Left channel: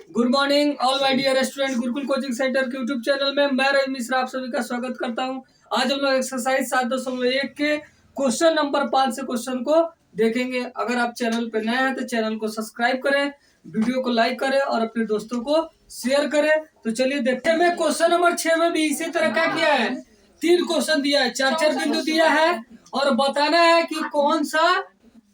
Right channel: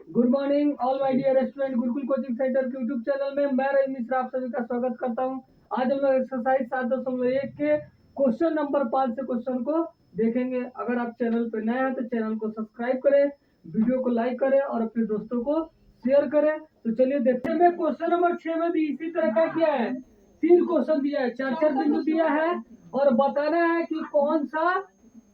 Good morning all my dear student. Gurukul coaching centre के YouTube channel में मैं रवि मिश्रा आप सभी का स्वागत करता हूं। आज हम लोग एक्सरसाइज 7.1 के क्वेश्चन नंबर 5 से क्वेश्चन को देखेंगे। अगर आप चैनल पर नए हैं तो चैनल को सब्सक्राइब करें, वीडियो को लाइक करें और अपने दोस्तों को शेयर करें। तो चलिए देखते हैं। क्वेश्चन नंबर 6 में भी इसी तरह क्या किया है, 3 क्वेश्चन दिया है, 4 बिंदु दिया है और बताना है कि कौन सा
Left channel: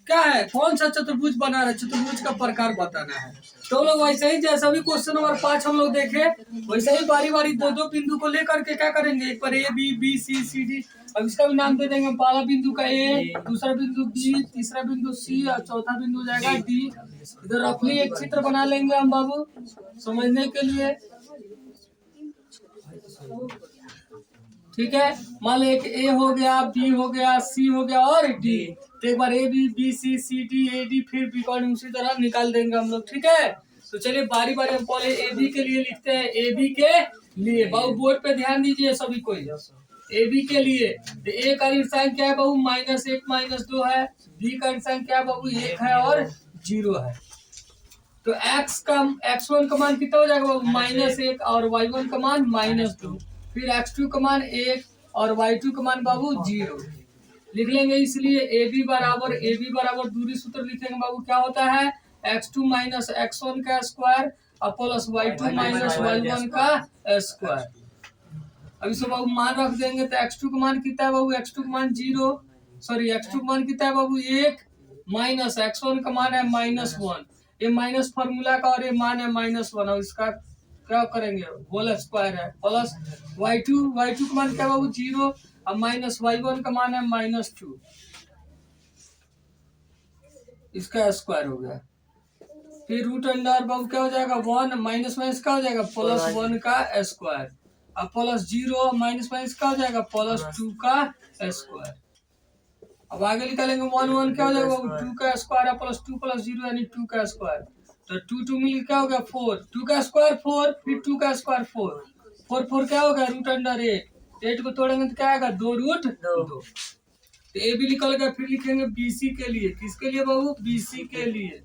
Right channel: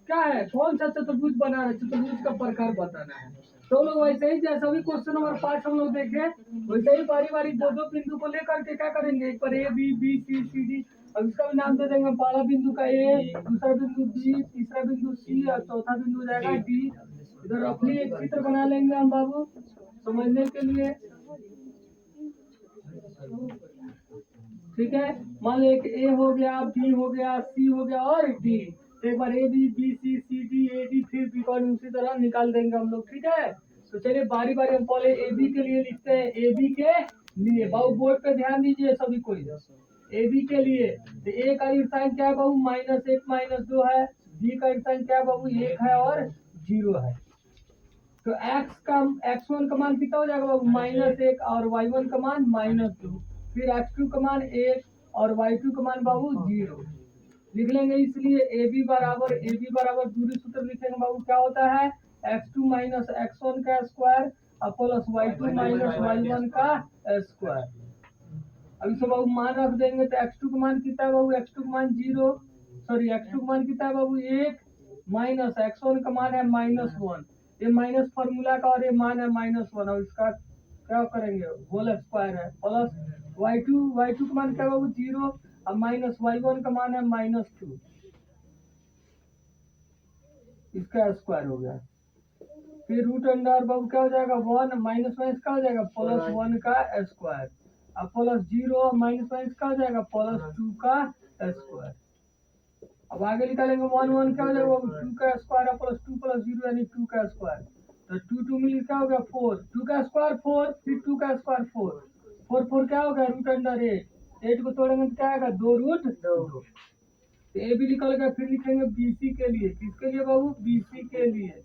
क्या है, कौन सा चतुर्भुज बना रहा है, चतुर्भुज का प्रकार बताना है। तो लोग वैसे ही जैसा भी क्वेश्चन नंबर 5 हम लोग देखे वैसे ही बारी बारी दो बिंदु को लेकर के क्या करेंगे, एक पर ए बी सी सी डी। अब इसका भी नाम दे देंगे। पहला बिंदु का ए, दूसरा बिंदु बी, तीसरा बिंदु सी और चौथा बिंदु हो जाएगा डी। इधर रफली एक चित्र बना लेंगे हम बाबू समझने के लिए। ठीक है, मान लो एक ए हो गया, बी हो गया, सी हो गया और डी। तो एक बार A B C C D A D फिर बी कॉर्ड उसी तरह निकाल देंगे हम लोग। ठीक है, तो चलिए बारी बारी हम पहले ए बी के लिए लिखते हैं। ए बी के लिए बाबू बोर्ड पे ध्यान दीजिए सभी कोई। ए बी के लिए तो ए का ऋण साइन क्या है बाबू, -1 -2 है। बी का ऋण साइन क्या है बाबू, 1 है और 0 है। तो x1 का मान कितना हो जाएगा बाबू, -1 और y1 का मान -2। फिर x2 का मान 1 और y2 का मान बाबू 0 लिख लेंगे। इसलिए ए बी बराबर दूरी सूत्र लिखेंगे बाबू। क्या होता है, x2 - x1 का स्क्वायर और प्लस y2 - y1 का स्क्वायर। अब इसको बाबू मान रख देंगे तो x2 का मान कितना है बाबू, x2 का मान 0, सॉरी x2 का मान कितना है बाबू 1 माइनस x1 का मान है -1। ये माइनस फॉर्मूला का और ये मान है -1 और इसका क्या करेंगे, होल स्क्वायर है। प्लस y2 का मान क्या बाबू 0 और माइनस y1 का मान है -2, इसका स्क्वायर हो गया। फिर रूट अंडर बाबू क्या हो जाएगा 1 माइनस का हो जाएगा +1 का स्क्वायर और प्लस 0 माइनस का हो जाएगा +2 का स्क्वायर। अब आगे निकालेंगे 1 क्या हो जाएगा 2 का स्क्वायर है +2 + 0 यानी 2 का स्क्वायर। तो 2 मिल क्या हो गया 4, 2 का स्क्वायर 4, फिर 2 का स्क्वायर 4 क्या होगा √8 को तोड़ेंगे तो क्या आएगा 2√2। तो ए भी निकल गया। फिर लिखेंगे बीसी के लिए, किसके लिए बाबू, बीसी के लिए।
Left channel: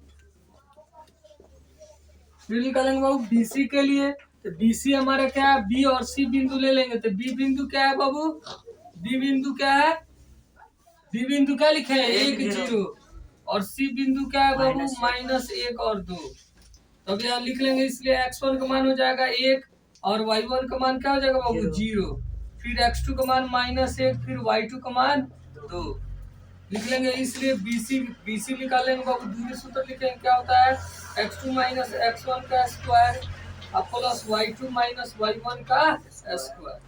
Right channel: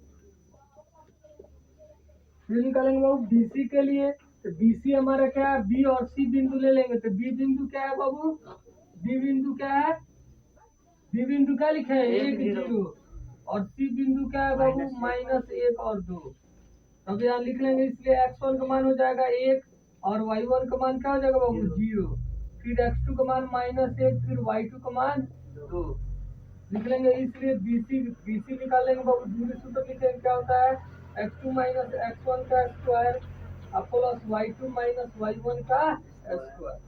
फिर निकालेंगे बाबू बीसी के लिए। तो बीसी हमारा क्या है, बी और सी बिंदु ले लेंगे। तो बी बिंदु क्या है बाबू, बी बिंदु क्या है, बी बिंदु क्या लिखे हैं 1 0 और सी बिंदु क्या है बाबू -1 और 2। तब यहाँ लिख लेंगे। इसलिए x1 का मान हो जाएगा 1 और y1 का मान क्या हो जाएगा बाबू 0। फिर x2 का मान -1, फिर y2 का मान 2 लिख लेंगे। इसलिए बीसी निकालेंगे बाबू। दूरी सूत्र लिखेंगे क्या होता है, x2 - x1 का स्क्वायर प्लस y2 - y1 का स्क्वायर।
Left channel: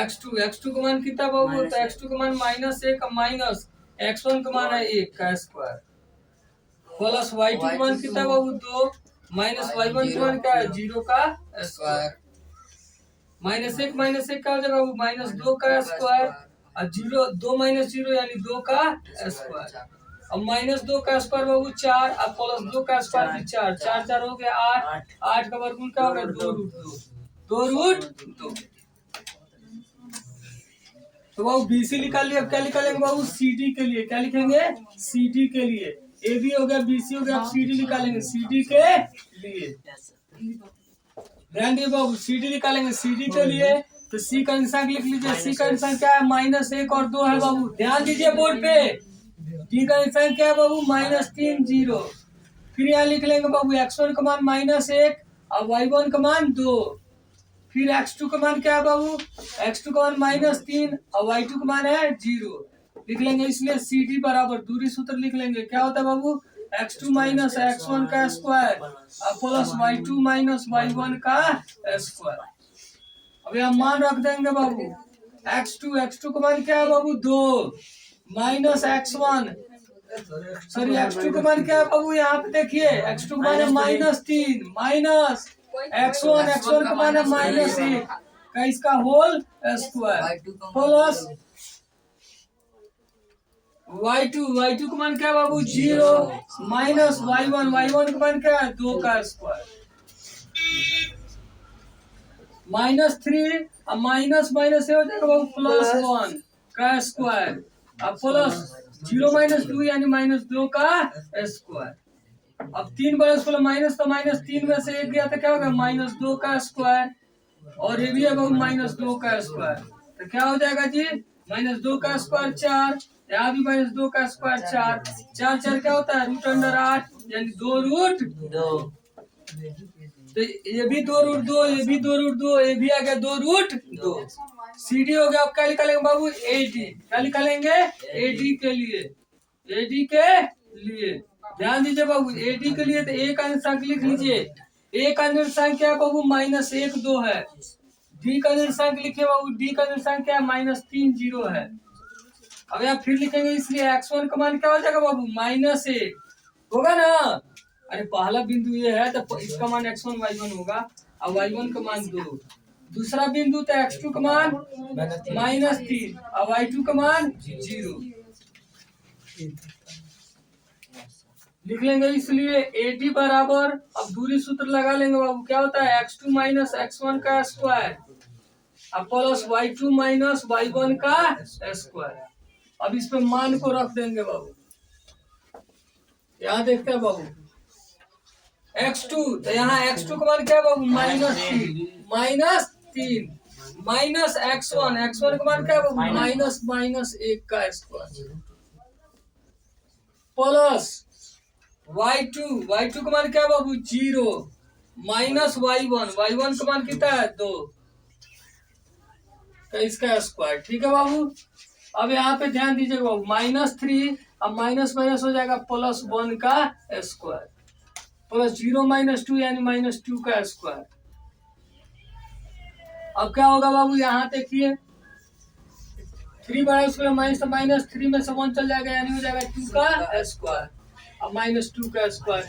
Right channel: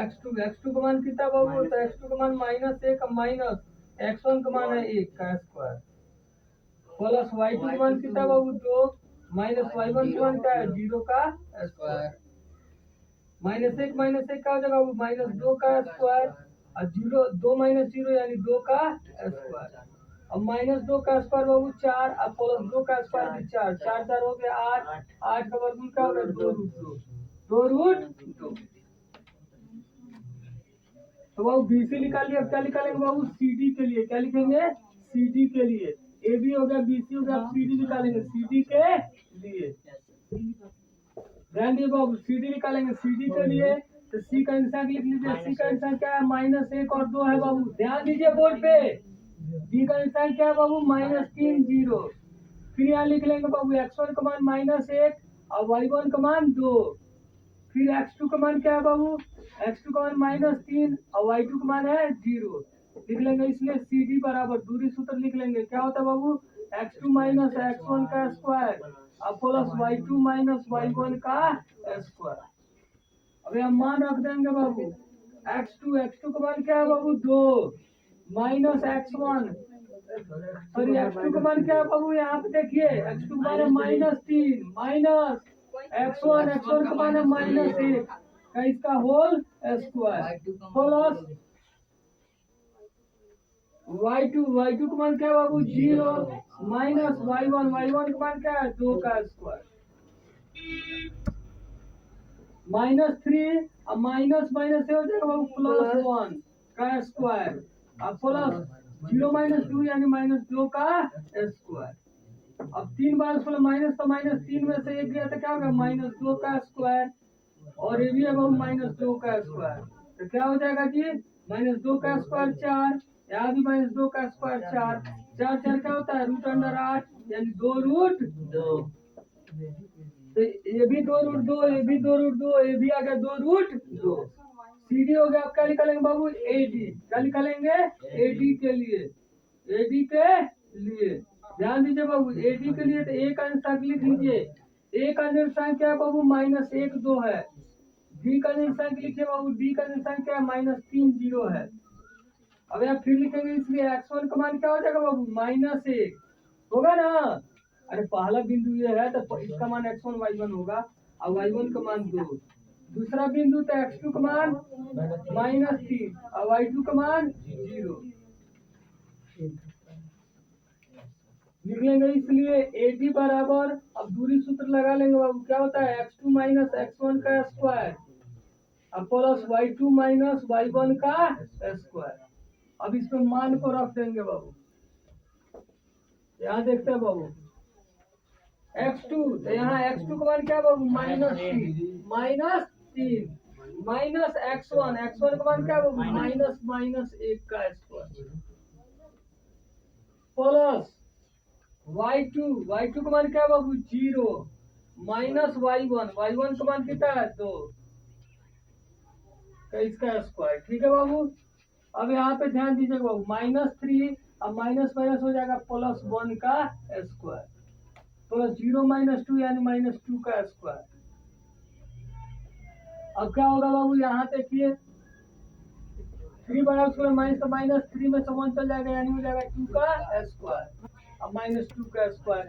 x2 का मान कितना बाबू, तो x2 का मान -1 माइनस x1 का मान है 1 का स्क्वायर प्लस y2 का मान कितना बाबू 2 माइनस y1 का मान क्या है 0 का स्क्वायर। -1 क्या हो जाएगा बाबू -2 का स्क्वायर और 0 2 - 0 यानी 2 का स्क्वायर। अब -2 का स्क्वायर बाबू 4 और प्लस 2 का स्क्वायर भी 4, 4 4 हो गया 8, 8 का वर्गमूल क्या हो गया 2√2। तो बाबू बीसी निकाल लिया। अब क्या निकालेंगे बाबू, सीडी के लिए। क्या लिखेंगे, सीडी के लिए। ए बी हो गया, बीसी हो गया, अब सीडी निकालेंगे सीडी के लिए। ध्यान दिए बाबू, सीडी निकालेंगे सीडी के लिए। तो सी का आंसर लिख लीजिए। सी का आंसर क्या है, -1 और 2 है बाबू, ध्यान दीजिए बोर्ड पे। डी का आंसर क्या है बाबू -3 0। फिर यहाँ लिख लेंगे बाबू x1 का मान -1 और y1 का मान 2। फिर x2 का मान क्या है बाबू, x2 का मान -3 और y2 का मान है 0 लिख लेंगे। इसलिए सी डी बराबर दूरी सूत्र लिख लेंगे। क्या होता है बाबू, x2 - x1 का स्क्वायर प्लस y2 - y1 का स्क्वायर। अब यहाँ मान रख देंगे बाबू। x2 का मान क्या है बाबू 2 माइनस x1, सॉरी x2 का मान क्या है बाबू, यहाँ पे देखिए x2 का मान है -3 माइनस x1 का मान है -1 का इसका होल स्क्वायर प्लस y2 का मान क्या है बाबू 0 माइनस y1 का मान क्या है 2 का स्क्वायर -3 और माइनस से हो जाएगा बाबू +1 का स्क्वायर और प्लस 0 - 2 यानी -2 का स्क्वायर। अब 3 बार इसको माइनस, तो -3 में से 1 गया तो क्या होगा -2 का स्क्वायर, और ये भी है बाबू -2 का स्क्वायर, तो क्या हो जाएगा जी -2 का स्क्वायर 4, यहाँ भी -2 का स्क्वायर 4, 4 4 क्या होता है √8 यानी 2√2, तो ये भी 2√2, ये भी 2√2, ये भी आ गया 2√2। CD हो गया। आप क्या निकालेंगे बाबू AD, क्या निकालेंगे AD के लिए, AD के लिए ध्यान दीजिए बाबू, AD के लिए तो A का निर्देशांक लिख लीजिए। A का निर्देशांक क्या है बाबू -1 2 है। D का निर्देशांक लिखिए बाबू, D का निर्देशांक क्या है -3 0 है। अब यहाँ फिर लिखेंगे, इसलिए x1 का मान क्या हो जाएगा बाबू -1 होगा ना। अरे पहला बिंदु ये है तो इसका मान x1 y1 होगा, और y1 का मान 2। दूसरा बिंदु तो x2 का मान -3 और y2 का मान 0 लिख लेंगे। इसलिए AD बराबर, अब दूरी सूत्र लगा लेंगे बाबू, क्या होता है x2 - x1 का स्क्वायर अब प्लस y2 - y1 का स्क्वायर। अब इस पे मान को रख देंगे बाबू, यहाँ देखते हैं बाबू x2, तो यहाँ x2 का मान क्या बाबू -3 माइनस x1 का मान क्या बाबू -1 का स्क्वायर प्लस y2 का मान क्या बाबू 0 माइनस y1 का मान कितना है 2 का इसका स्क्वायर। ठीक है बाबू। अब यहाँ पे ध्यान दीजिएगा बाबू -3, अब माइनस माइनस हो जाएगा +1 का स्क्वायर प्लस 0 - 2 यानी -2 का स्क्वायर। अब क्या होगा बाबू, यहाँ देखिए 3 बड़ा स्क्वायर -3 में से 1 चल जाएगा यानी हो जाएगा 2 का स्क्वायर, अब -2 का स्क्वायर।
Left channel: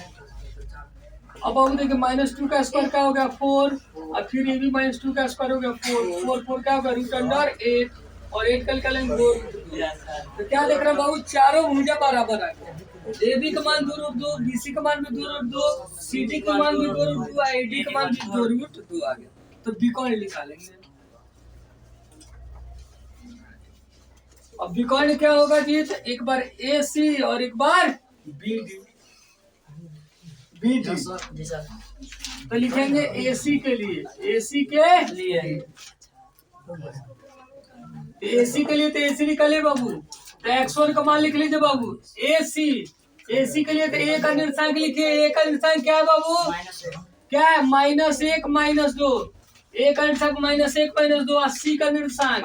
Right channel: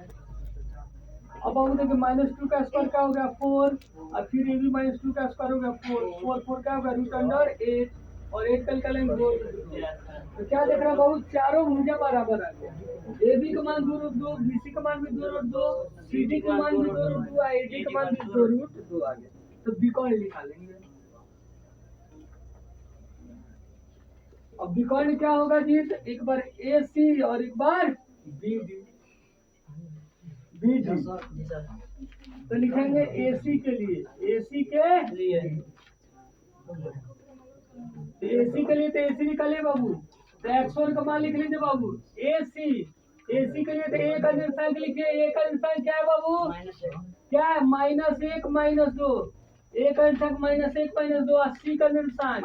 अब बाबू देखिए -2 का स्क्वायर क्या हो गया 4, और फिर ये भी -2 का स्क्वायर हो गया 4 क्या होगा √8, और 8 कल कलेंगे 2। तो क्या देख रहे हैं बाबू, चारों भुजा बराबर आ गया। AB का मान 2√2, BC का मान भी 2√2, CD का मान भी 2√2, AD का मान भी 2√2 आ गया। तो B कौन निकालेंगे। अब B कौन क्या होगा जी, तो एक बार AC और एक बार BD। तो लिखेंगे AC के लिए, AC के लिए तो AC निकालिए बाबू, तो x1 का मान लिख लीजिए बाबू। AC के लिए तो A का निर्देशांक लिखिए, A का निर्देशांक क्या है बाबू क्या है -1 - 2, A का निर्देशांक -1 - 2, और C का निर्देशांक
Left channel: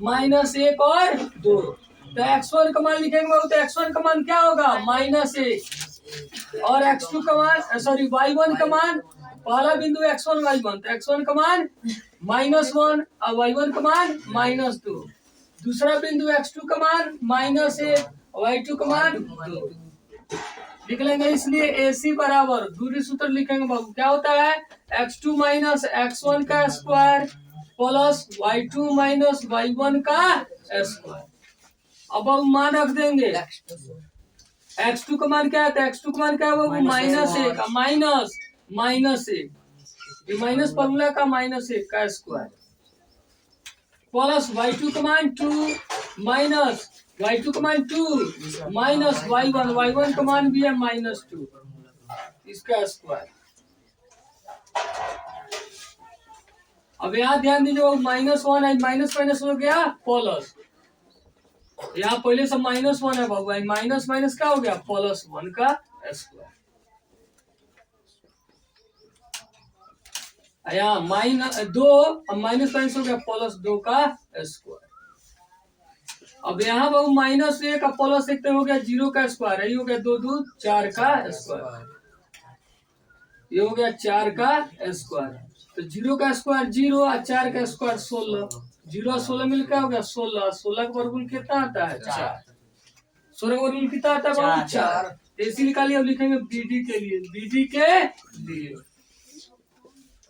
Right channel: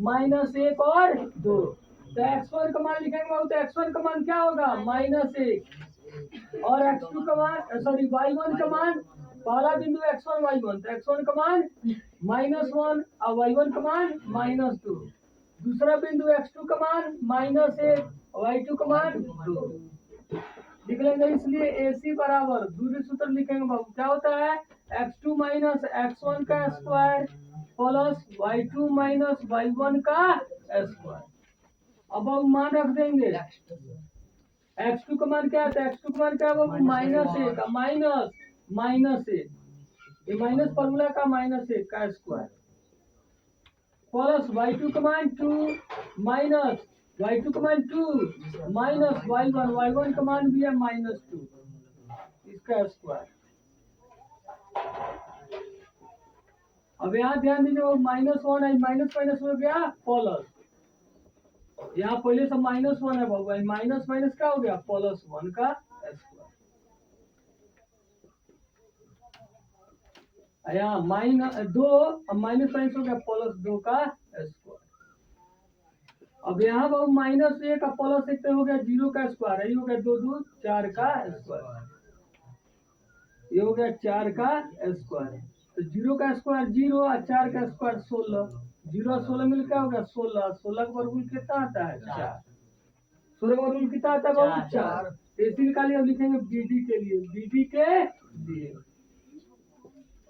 -1 और 2। तो x1 का मान लिखेंगे बाबू, तो x1 का मान क्या होगा -1, और x2 का मान y1 का मान, पहला बिंदु x1 y1, तो x1 का मान -1 और y1 का मान -2। दूसरा बिंदु x2 का मान -1 y2 का मान 2 लिख लेंगे। इसलिए AC बराबर, दूरी सूत्र लिखेंगे बाबू, क्या होता है x2 - x1 का स्क्वायर प्लस y2 - y1 का स्क्वायर। अब बाबू मान रख देंगे, x2 का मान क्या है, x2 का मान क्या है बाबू -1 माइनस 1, ये माइनस फॉर्मूला का -1 का स्क्वायर प्लस y2 का मान 2 माइनस y2 का मान 2 माइनस y1 का मान भी है -2 इसका स्क्वायर। अब यहाँ ध्यान दीजिए -1 है, माइनस हो गया प्लस, यहाँ पहले से -1 है बाबू, माइनस क्या हो गया +1 का स्क्वायर। यहाँ -2 माइनस हो गया +2 का स्क्वायर। अब यहाँ बाबू -1 का +1 हो गया 0 का स्क्वायर, यही हो गया 2 2 4 का स्क्वायर, ये हो गया 4 का स्क्वायर। तो 0 का स्क्वायर 0 और 4 का स्क्वायर 16, 0 और 16 मिलकर हो गया 16, 16 का वर्गमूल कितना आता है 4, 16 का वर्गमूल कितना आता है बाबू 4। AC निकालिए। अब लिखेंगे BD के लिए,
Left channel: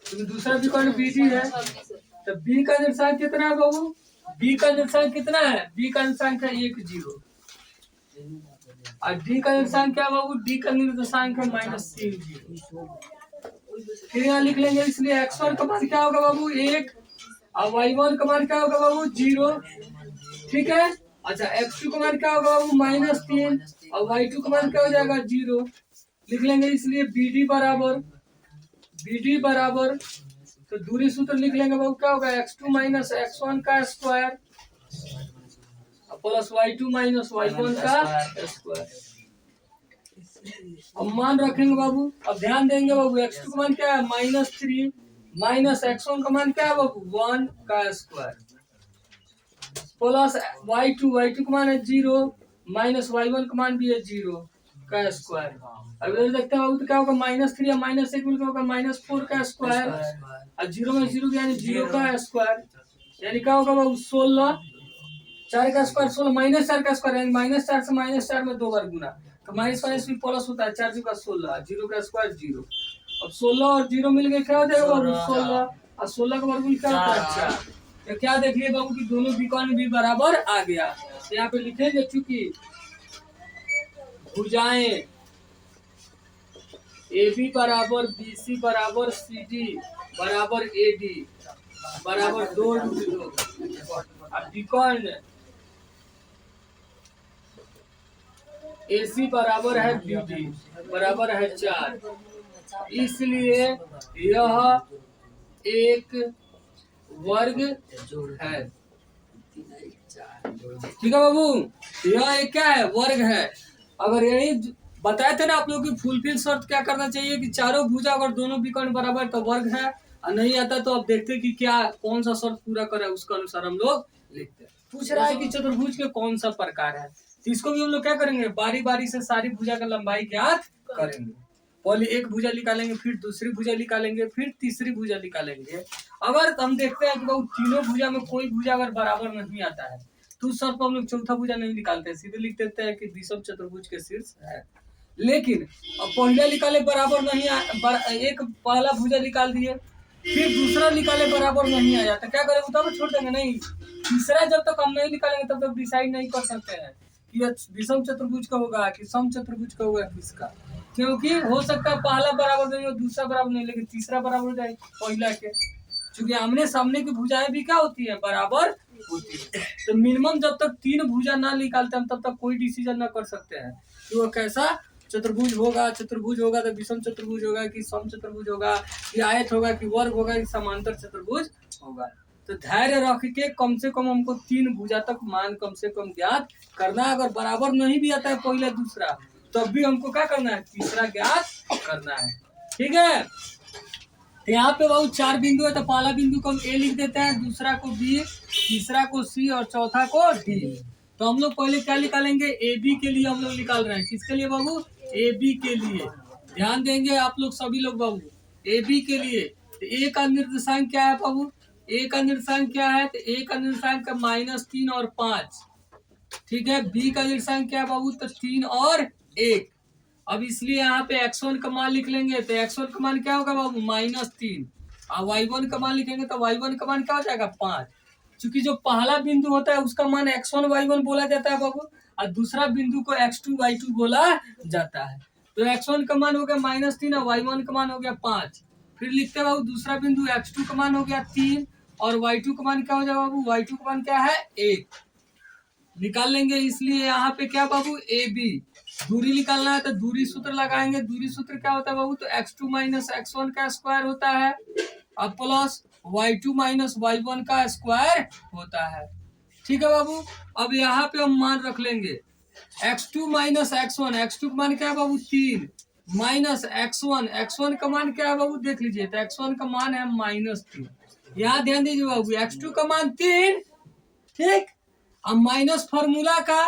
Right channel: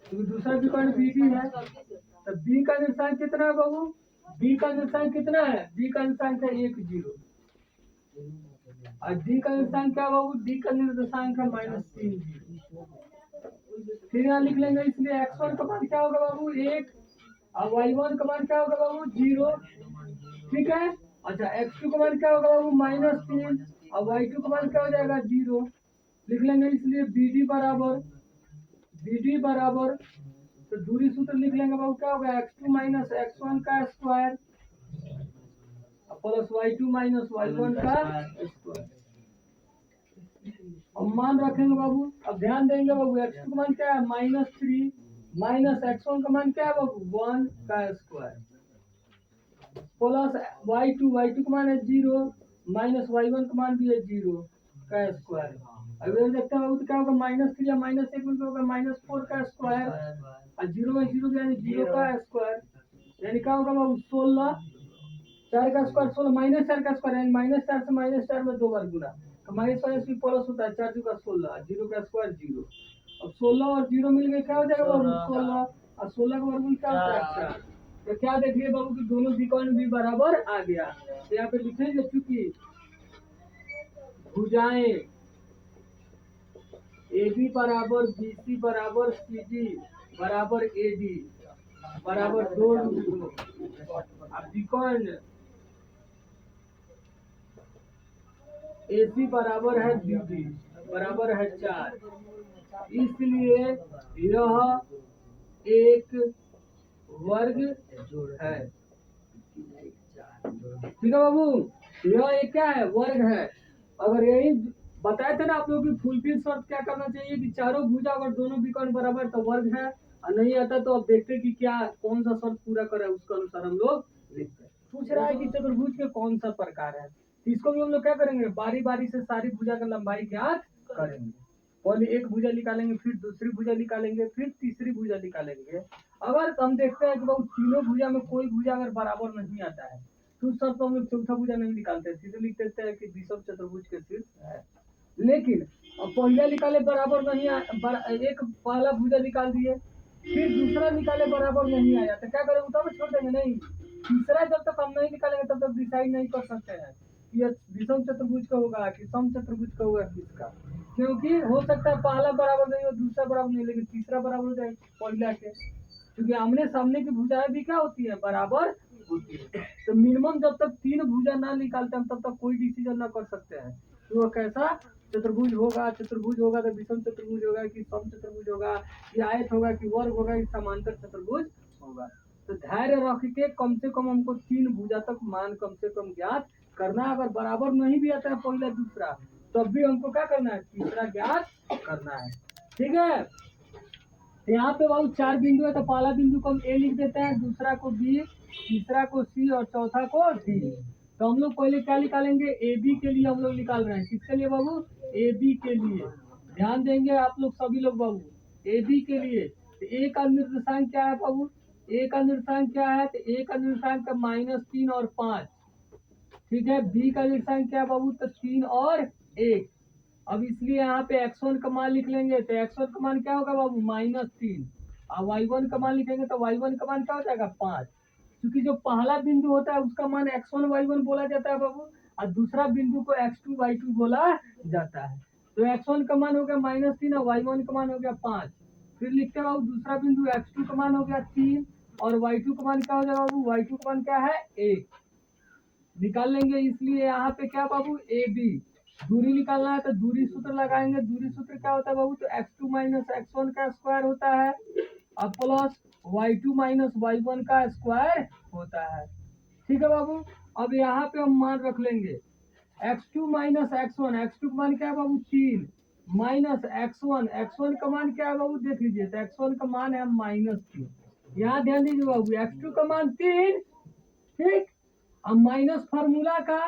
तो दूसरा भी कौन BD है, तो B का निर्देशांक कितना है बाबू, B का निर्देशांक कितना है, B का निर्देशांक है 1 0, और D का निर्देशांक क्या बाबू, D का निर्देशांक है -3 0। फिर यहाँ लिख लेंगे, इसलिए x1 का मान क्या होगा बाबू 1, और y1 का मान क्या होगा बाबू 0। ठीक है, अच्छा x2 का मान क्या होगा बाबू -3 और y2 का मान क्या हो जाएगा 0 लिख लेंगे। इसलिए BD बराबर तो दूरी सूत्र लिख लेंगे बाबू क्या होगा x2 माइनस x1 का square plus y2 minus y1 का स्क्वायर। अब मान रखेंगे बाबू। अब ध्यान देंगे बाबू x2 का मान क्या है -3 माइनस x1 का मान क्या है बाबू 1 का स्क्वायर प्लस y2 का मान है 0 माइनस y1 का मान भी है 0 का स्क्वायर। अब इधर देखते हैं बाबू तो क्या होगा -3 या -1 मिलकर होगा -4 का स्क्वायर और 0 में 0 यानी 0 का स्क्वायर यानी क्या होगा बाबू 16 4 का स्क्वायर 16 -4 का स्क्वायर यानी -4 से -4 में 2 बार गुना तो माइनस भी प्लस होता है 4 का 16 0 का स्क्वायर 0। अब 16 और 0 मिल गए क्या हो जाएगा बाबू 16 और 16 का वर्गमूल क्या होता है 4। तो क्या देख लिए बाबू की दोनों विकर्ण भी बराबर आ गया। तो यहाँ पे लिखेंगे चूंकि भुजाएं AB बराबर BC बराबर CD बराबर AD बराबर 2 अब विकर्ण AC बराबर है BD बराबर है 4 इसलिए यह एक वर्ग है। ठीक है बाबू यह एक क्या है वर्ग है। अगर यही बताए थे ना आप लोग की फुलफिल शर्त क्या करना चाहिए कि चारों भुजा अगर दोनों विकर्ण बराबर तो वर्ग है और नहीं आता तो अब देखते कि क्या कौन सा शर्त पूरा करे उसके अनुसार हम लोग लिखते हैं। पूछ रहा है कि चतुर्भुज के कौन सा प्रकार है तो इसको भी हम लोग क्या करेंगे बारी बारी से सारी भुजा का लंबाई ज्ञात करेंगे। पहले एक भुजा निकालेंगे फिर दूसरी भुजा निकालेंगे फिर तीसरी भुजा निकालेंगे। अगर हम देखते हैं कि बहुत तीनों भुजा में कोई भुजा अगर बराबर नहीं आता है तो उस शर्त पर हम लोग चौथा भुजा नहीं निकालते सीधे लिख देते हैं कि विषम चतुर्भुज के शीर्ष है। लेकिन अब पहले निकाले बराबर नहीं एक पहला भुजा निकाल दिए फिर दूसरा निकाले बराबर नहीं आया तो क्या करेंगे तब छोड़ देंगे नहीं। तीसरा जब तक हम नहीं निकालेंगे तब तक डिसाइड नहीं कर सकते हैं कि यह विषम चतुर्भुज का होगा कि सम चतुर्भुज का होगा किसका। क्योंकि हो सकता है पहला बराबर नहीं हो दूसरा बराबर नहीं लेकिन तीसरा बराबर हो जाए पहला के क्योंकि आमने सामने की भुजाएं भी क्या होती है बराबर होती है। तो मिनिमम जब तक 3 भुजा ना निकालते हम तब तक कोई डिसीजन ना कर सकते हैं कि वो कैसा चतुर्भुज होगा तो विषम चतुर्भुज होगा कि सम चतुर्भुज होगा कि आयत होगा कि वर्ग होगा कि समांतर चतुर्भुज होगा। तो धैर्य रख के कम से कम हमको 3 भुजा तक मान कम से कम ज्ञात करना। अगर बराबर नहीं भी आता है पहला दूसरा तब भी हमको क्या करना है तीसरा ज्ञात करना है। ठीक है तो यहाँ पे बाबू 4 बिंदु है तो पहला बिंदु को हम A लिख देते हैं दूसरा को B तीसरा को C और चौथा को D। तो हम लोग पहले क्या निकालेंगे AB के लिए हम लोग निकाल रहे हैं किसके लिए बाबू AB के लिए। ध्यान देंगे आप लोग सभी लोग बाबू AB के लिए तो A का निर्देशांक क्या है बाबू A का निर्देशांक क्या है तो A का निर्देशांक -3 और 5। ठीक है B का निर्देशांक क्या है बाबू तो 3 और 1। अब इसलिए यहाँ पे x1 का मान लिख लेंगे तो x1 का मान क्या होगा बाबू -3 और y1 का मान लिखेंगे तो y1 का मान क्या हो जाएगा 5। क्योंकि जो पहला बिंदु होता है उसका मान x1 y1 बोला जाता है बाबू और दूसरा बिंदु को x2 y2 बोला जाता है। तो x1 का मान हो गया -3 और y1 का मान हो गया 5। फिर लिखते हैं बाबू दूसरा बिंदु x2 का मान हो गया 3 और y2 का मान क्या हो जाएगा बाबू y2 का मान क्या है 1 निकाल लेंगे। इसलिए यहाँ पे क्या बाबू AB दूरी निकालना है तो दूरी सूत्र लगाएंगे। दूरी सूत्र क्या होता है बाबू तो x2 माइनस x1 का स्क्वायर होता है और प्लस y2 माइनस y1 का स्क्वायर होता है। ठीक है बाबू अब यहाँ पे हम मान रख लेंगे x2 माइनस x1 का मान क्या है बाबू 3 माइनस x1 का मान क्या है बाबू देख लीजिए तो x1 का मान है -3। यहाँ ध्यान दीजिए बाबू x2 का मान 3 ठीक अब माइनस फॉर्मूला का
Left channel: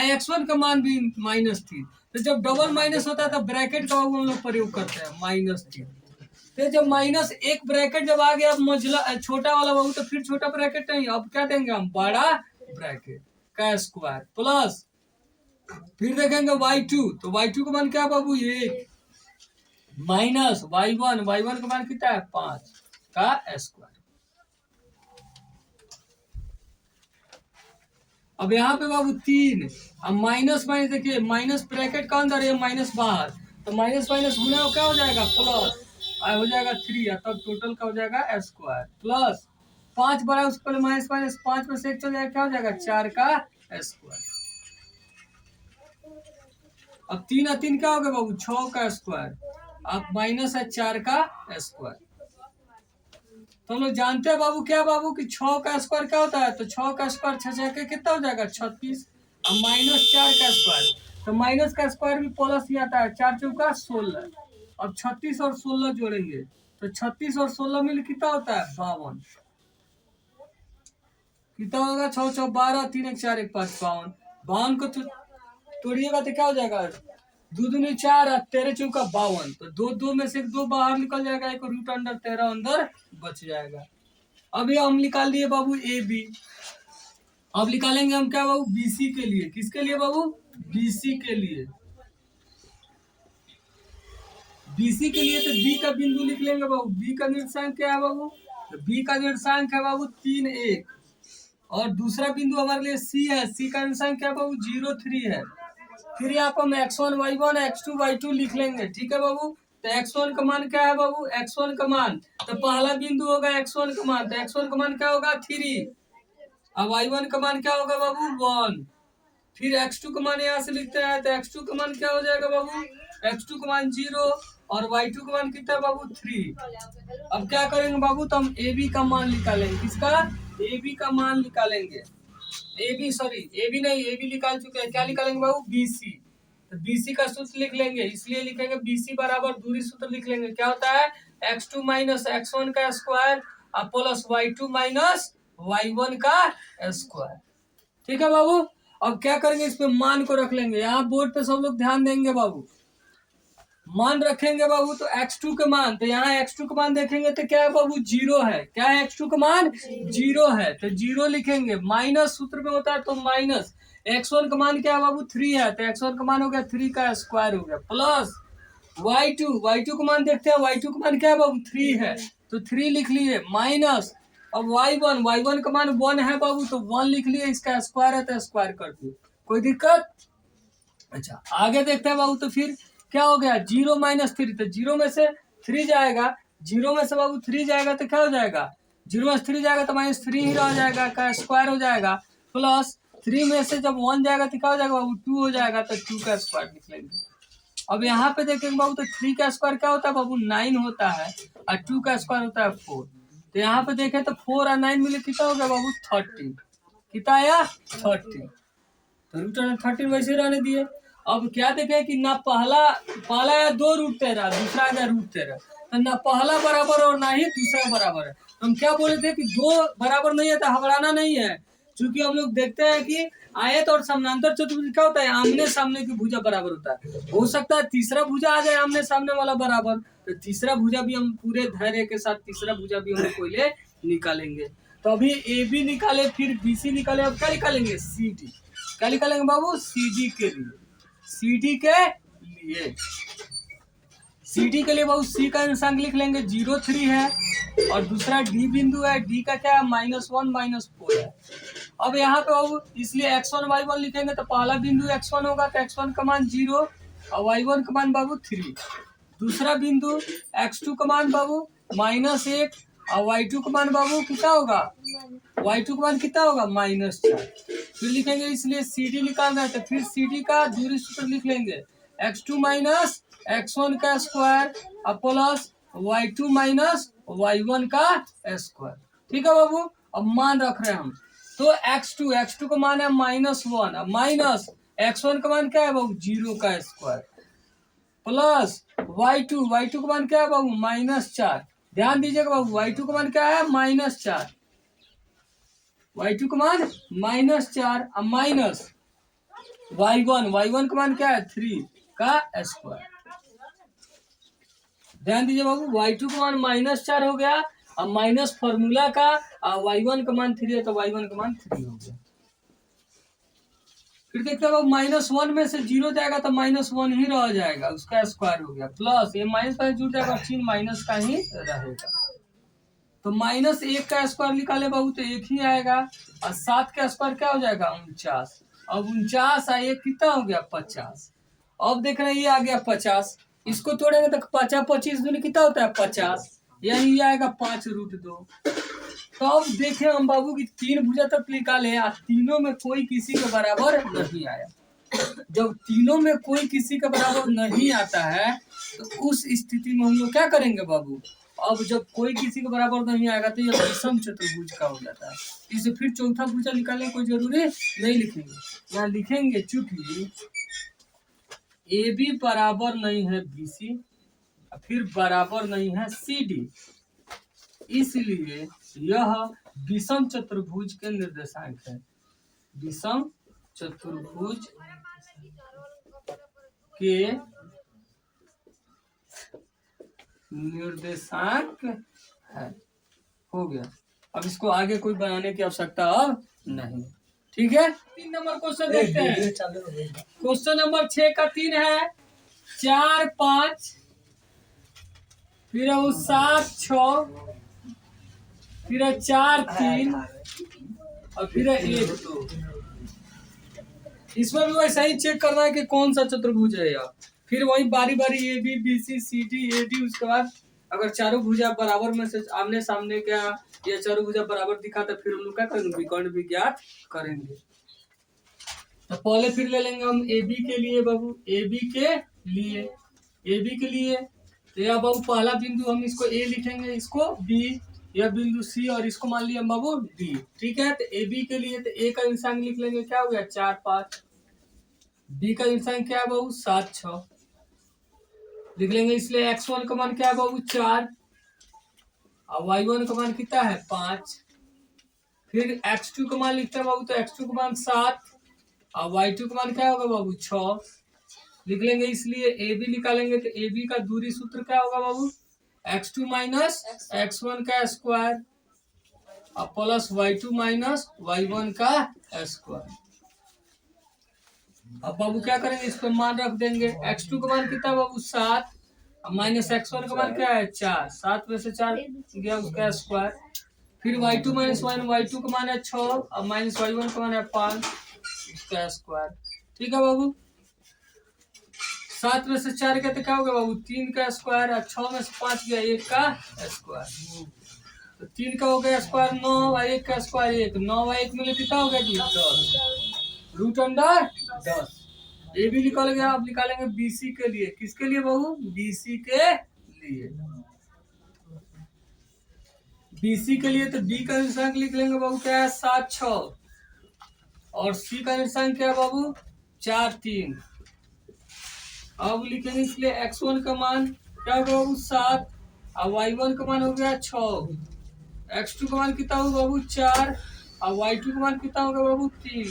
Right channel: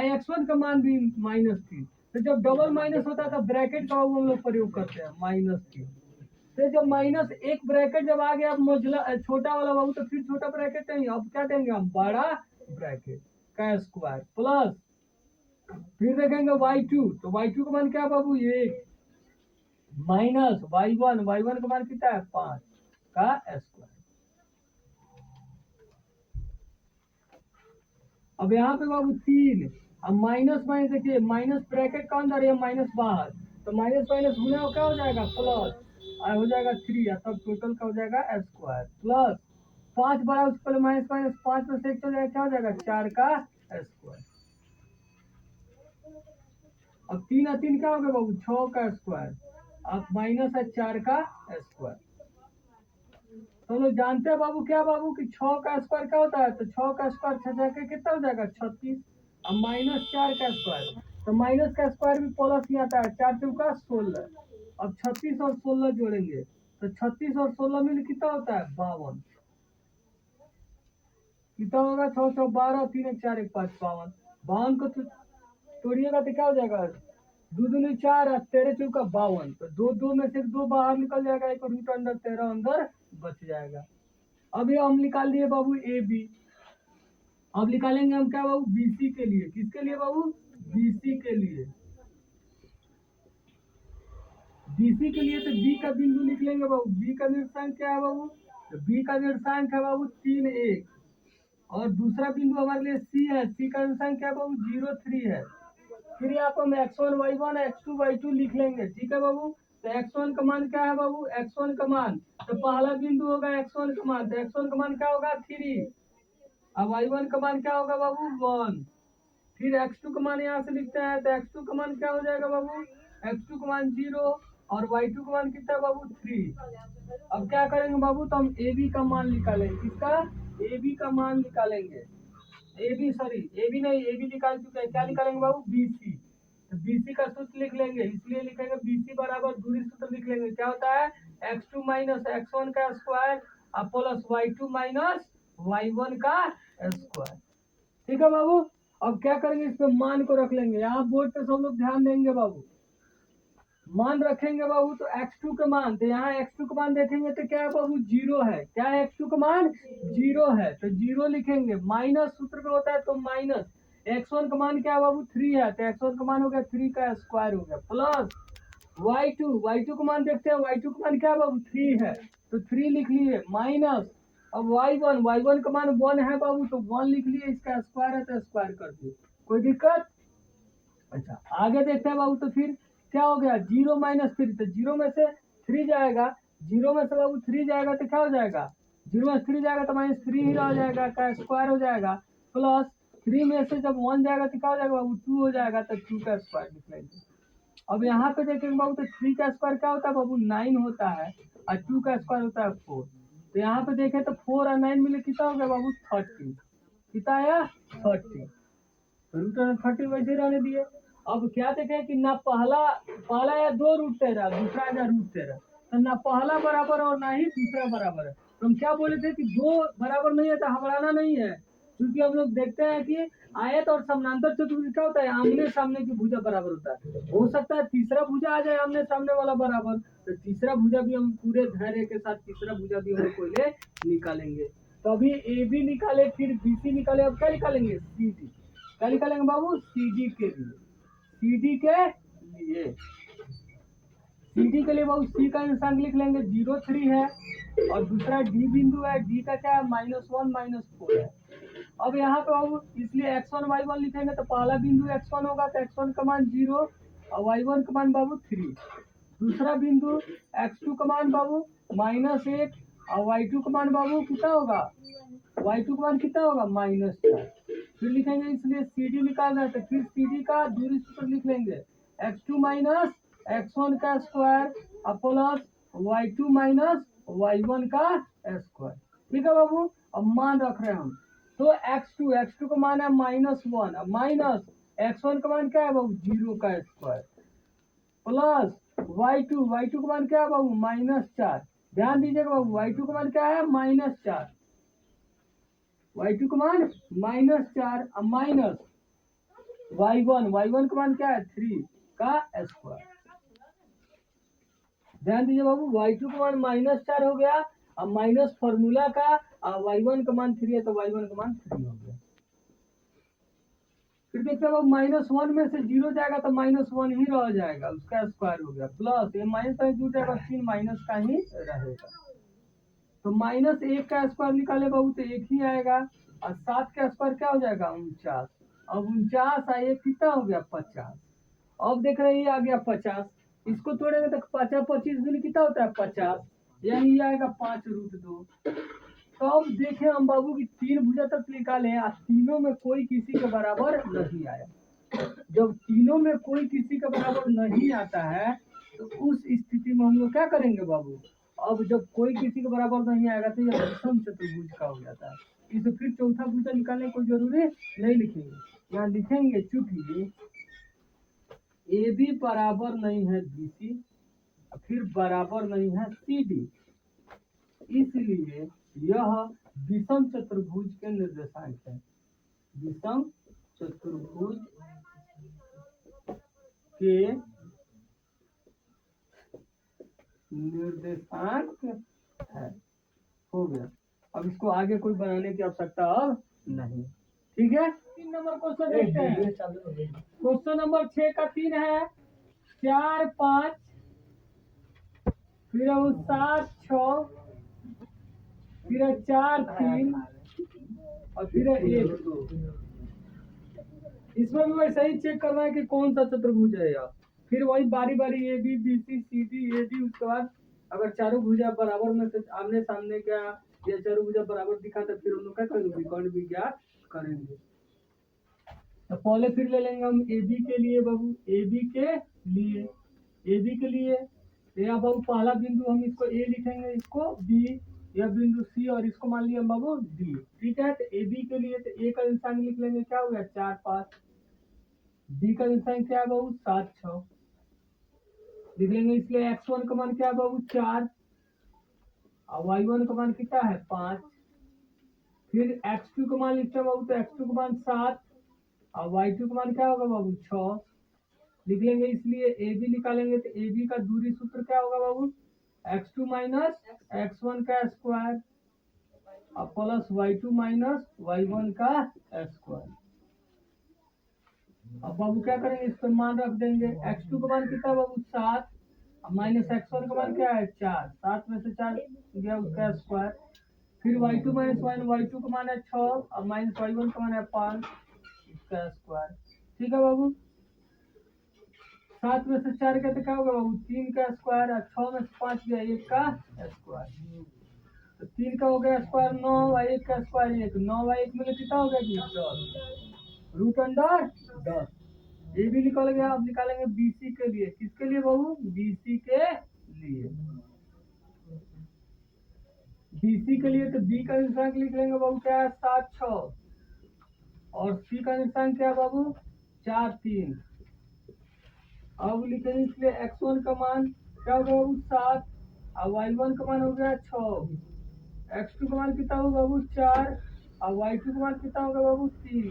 x1 का मान भी -3। तो जब डबल माइनस होता है तो ब्रैकेट का हम लोग प्रयोग करते हैं -3। तो जब -1 ब्रैकेट जब आ गया मझला छोटा वाला बाबू तो फिर छोटा ब्रैकेट नहीं अब क्या देंगे हम बड़ा ब्रैकेट का स्क्वायर प्लस फिर देखेंगे y2 तो y2 का मान क्या बाबू 1 माइनस y1 का मान कितना है 5 का स्क्वायर। अब यहाँ पे बाबू 3 अब माइनस देखिए माइनस ब्रैकेट का अंदर है माइनस बाहर तो माइनस गुना क्या हो जाएगा प्लस हो जाएगा 3 तब टोटल का हो जाएगा स्क्वायर प्लस 5 बड़ा उसके पहले -5 में से 1 चल जाएगा क्या हो जाएगा 4 का स्क्वायर। अब 3 और 3 क्या हो गया बाबू, 6 का स्क्वायर। अब माइनस है 4 का स्क्वायर। तो हम लोग जानते हैं बाबू क्या बाबू कि 6 का स्क्वायर क्या होता है, तो 6 का स्क्वायर 6 के कितना हो जाएगा 36। अब माइनस 4 का स्क्वायर, तो माइनस का स्क्वायर भी प्लस ही आता है, 4 चौका 16। अब 36 और 16 जोड़ेंगे तो 36 और 16 मिल कितना होता है 52। कितना होगा 6 6 12 3 1 4 1 5 52। 52 को तोड़िएगा तो क्या हो जाएगा, दो दूनी 4 और 13 चौका 52। तो दो दो में से 2 बाहर निकल जाएगा, एक रूट अंडर 13 अंदर बच जाएगा। अब ये हम निकाल दिए बाबू ए बी। अब निकालेंगे हम क्या बाबू, बीसी के लिए। किसके लिए बाबू, बीसी के लिए। बीसी के लिए तो बी का बिंदु लिख लेंगे बाबू। बी का निर्देशांक क्या है बाबू, तो बी का निर्देशांक है बाबू 3 1। और दूसरा बिंदु हमारे लिए सी है। सी का निर्देशांक क्या है बाबू 0 3 है। फिर यहाँ पर हम x1 y1 x2 y2 लिख लेंगे। ठीक है बाबू। तो x1 का मान क्या है बाबू, x1 का मान, तो पहला बिंदु होगा x1 का मान, तो x1 का मान क्या होगा 3। अब y1 का मान क्या होगा बाबू 1। फिर x2 का मान यहाँ से लिखते हैं, तो x2 का मान क्या हो जाएगा बाबू, x2 का मान 0 और y2 का मान कितना है बाबू 3। अब क्या करेंगे बाबू, तो हम ab का मान निकालेंगे। किसका, ab का मान निकालेंगे। AB सॉरी AB नहीं, AB निकाल चुके हैं, क्या निकालेंगे बाबू BC। तो BC का सूत्र लिख लेंगे, इसलिए लिखेंगे BC बराबर दूरी सूत्र लिख लेंगे। क्या होता है x2 माइनस x1 का square plus y2 minus y1 का स्क्वायर। ठीक है बाबू। अब क्या करेंगे, इस पे मान को रख लेंगे। यहाँ बोर्ड पे सब लोग ध्यान देंगे बाबू। मान रखेंगे बाबू, तो x2 का मान, तो यहाँ x2 का मान देखेंगे तो क्या है बाबू 0 है। क्या है x2 का मान 0 है, तो 0 लिखेंगे। माइनस सूत्र में होता है तो माइनस। x1 का मान क्या है बाबू 3 है, तो x1 का मान हो गया 3 का स्क्वायर हो गया, प्लस y2 का मान देखते हैं। y2 का मान क्या है बाबू 3 है, तो 3 लिख लिए, माइनस। अब y1 का मान 1 है बाबू, तो 1 लिख लिए। इसका स्क्वायर है तो स्क्वायर कर दिए, कोई दिक्कत। अच्छा आगे देखते हैं बाबू। तो फिर क्या हो गया 0 माइनस 3, तो 0 में से 3 जाएगा। 0 में से बाबू 3 जाएगा तो क्या हो जाएगा, 0 में से 3 जाएगा तो -3 ही रह जाएगा, का स्क्वायर हो जाएगा। प्लस 3 में से जब 1 जाएगा तो क्या हो जाएगा बाबू 2 हो जाएगा, तो 2 का स्क्वायर लिख लेंगे। अब यहाँ पे देखेंगे बाबू, तो 3 का स्क्वायर क्या होता है बाबू 9 होता है, और 2 का स्क्वायर होता है 4। तो यहाँ पे देखें तो 4 और 9 मिले कितना हो गया बाबू 30। कितना आया 30। तो रूट अंडर 30 वैसे रहने दिए। अब क्या देखे कि ना पहला या 2 रूट 13, दूसरा आ गया रूट 13। तो ना पहला बराबर और ना ही दूसरा बराबर है। तो हम क्या बोले थे कि 2 बराबर नहीं है तो घबराना नहीं है, क्योंकि हम लोग देखते हैं कि आयत और समानांतर चतुर्भुज क्या होता है, आमने सामने की भुजा बराबर होता है। हो सकता है तीसरा भुजा आ जाए आमने सामने वाला बराबर, तो तीसरा भुजा भी हम पूरे धैर्य के साथ तीसरा भुजा भी हम पहले निकालेंगे। तो अभी ए बी निकाले, फिर बी सी निकाले, अब क्या निकालेंगे सी डी। क्या निकालेंगे बाबू CD के लिए। CD के लिए, CD के लिए बाबू C का निशान लिख लेंगे 0 3 है, और दूसरा D बिंदु है, D का क्या है -1 -4 है। अब यहाँ पे बाबू इसलिए x1 y1 लिखेंगे, तो पहला बिंदु x1 होगा, तो x1 का मान 0 और y1 का मान बाबू 3। दूसरा बिंदु x2 का मान बाबू -1 और y2 का मान बाबू कितना होगा, y2 का मान कितना होगा -4। फिर लिखेंगे, इसलिए CD निकालना है, तो फिर CD का दूरी सूत्र लिख लेंगे x2 माइनस x1 का square plus y2 minus y1 का स्क्वायर। ठीक है बाबू। अब मान रख रहे हैं हम, तो x2 का मान है -1, अब माइनस x1 का मान क्या है बाबू 0 का स्क्वायर, प्लस y2 का मान क्या है बाबू -4। ध्यान दीजिएगा बाबू, y2 का मान क्या है -4, y2 का मान -4 और माइनस y1 का मान क्या है 3 का स्क्वायर। ध्यान दीजिए बाबू, y2 का मान -4 हो गया, और माइनस फॉर्मूला का, और y1 का मान 3 है तो y1 का मान 3 हो गया। फिर देखते हैं बाबू -1 में से 0 जाएगा तो -1 ही रह जाएगा, उसका स्क्वायर हो गया, प्लस ये माइनस का जुड़ जाएगा, चिन्ह माइनस का ही रहेगा। तो -1 का स्क्वायर निकाले बाबू तो 1 ही आएगा, और 7 का स्क्वायर क्या हो जाएगा 49। अब 49 और 1 कितना हो गया 50। अब देख रहे हैं ये आ गया 50, इसको तोड़ेंगे तो 50 25 दूनी कितना होता है 50, यही आएगा 5√2। तो अब देखें हम बाबू की 3 भुजा तक निकाले और तीनों में कोई किसी के बराबर नहीं आया। जब तीनों में कोई किसी के बराबर नहीं आता है तो उस स्थिति में हम लोग क्या करेंगे बाबू? अब जब कोई किसी के बराबर नहीं आएगा तो यह विषम चतुर्भुज का हो जाता है। इसे फिर चौथा भुजा निकालने की कोई जरूरी नहीं लिखेंगे, यहाँ लिखेंगे चूंकि ए बी बराबर नहीं है बी सी, फिर बराबर नहीं है सी डी, इसलिए यह विषम चतुर्भुज के निर्देशांक है। विषम चतुर्भुज के निर्देशांक है। हो गया। अब इसको आगे कोई बनाने की आवश्यकता अब नहीं। ठीक है, 3 नंबर क्वेश्चन देखते हैं। क्वेश्चन नंबर 6 का 3 है 4 5, फिर है वो 7 6, फिर है 4 3 और फिर है 1 2। इसमें भी वैसा ही चेक करना है कि कौन सा चतुर्भुज है यह। फिर वही बारी बारी A B B C C D A D, उसके बाद अगर चारों भुजा बराबर में से आमने सामने क्या ये चारों भुजा बराबर दिखा तो फिर हम लोग क्या करेंगे? विकर्ण भी ज्ञात करेंगे। तो पहले फिर ले लेंगे हम ए बी के लिए बाबू। ए बी के लिए तो यह बाबू पहला बिंदु हम इसको ए लिखेंगे, इसको बी, यह बिंदु सी और इसको मान लिया बाबू डी। ठीक है, तो ए बी के लिए तो ए का इंसान लिख लेंगे, क्या हो गया 4 5। बी का इंसान क्या है बाबू 7 6 लिख लेंगे, इसलिए x1 का मान क्या है बाबू 4 और y1 का मान कितना है 5। फिर x2 का मान लिखते हैं बाबू, तो x2 का मान 7 और y2 का मान क्या होगा बाबू 6 लिख लेंगे, इसलिए ए बी निकालेंगे तो ए बी का दूरी सूत्र क्या होगा बाबू? x2 माइनस x1 का स्क्वायर और प्लस y2 माइनस y1 का स्क्वायर। अब बाबू क्या करेंगे? इस पर मान रख देंगे। x2 का मान कितना बाबू 7 माइनस x1 का मान क्या है 4, 7 में से 4 गया उसका स्क्वायर। फिर y2 माइनस y2 का मान है 6 और माइनस y1 का मान है 5 उसका स्क्वायर। ठीक है बाबू, 7 में से 4 गया तो क्या होगा बाबू 3 का स्क्वायर और 6 में से 5 गया 1 का स्क्वायर। तो 3 का हो गया स्क्वायर 9 और 1 का स्क्वायर 1, 9 और 1 मिले कितना हो गया जी 10 रूट अंडर 10। ये भी निकल गया। अब निकालेंगे बीसी के लिए। किसके लिए बाबू? बीसी के लिए। बीसी के लिए तो बी का निर्देशांक लिख लेंगे बाबू, क्या है 7 6 और सी का निर्देशांक क्या है बाबू 4 3। अब लिखेंगे इसलिए x1 का मान क्या होगा बाबू 7 और y1 का मान हो गया 6, x2 का मान कितना होगा बाबू 4 और y2 का मान कितना होगा बाबू 3।